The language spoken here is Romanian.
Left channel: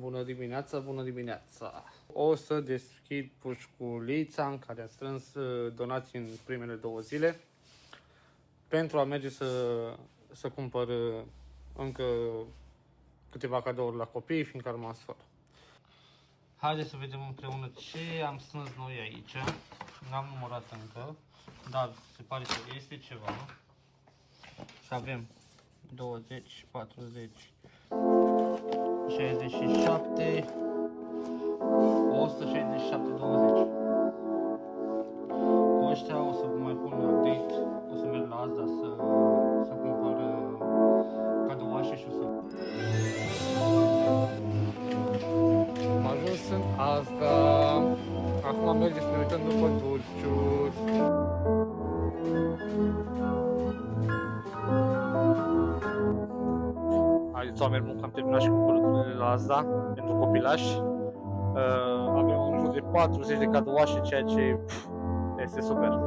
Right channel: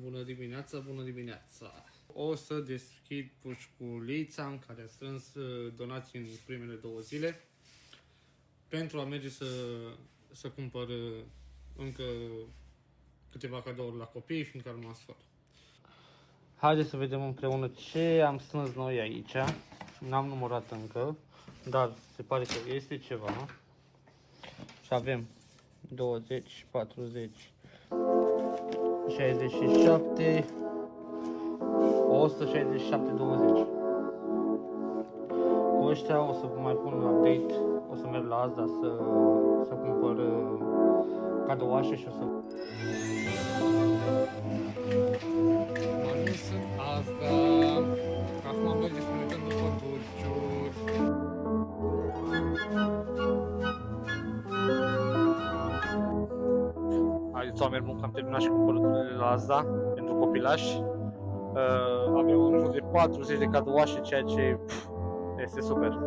Bună dimineața, bună dimineața! O să deschid pușculița în care am strâns donații în primele 2 zile pentru a merge să cumpăr încă câteva cadouri la copii, fiindcă am rămas fără. Haideți să vedem împreună ce am strâns noi aici. N-am numărat încă, dar se pare că este ceva. Și avem 20, 40, 67, 167, 20. Cu ăștia o să vă mai pun un update, o să merg la Asda să cumpăr cadouașe și o să... Am ajuns în Asda, acum mergem să ne uităm după dulciuri. Haideți, oameni buni, că am terminat și cumpărăturile la Asda pentru copilași. Avem în jur de 40 de cadouașe, ceea ce este super.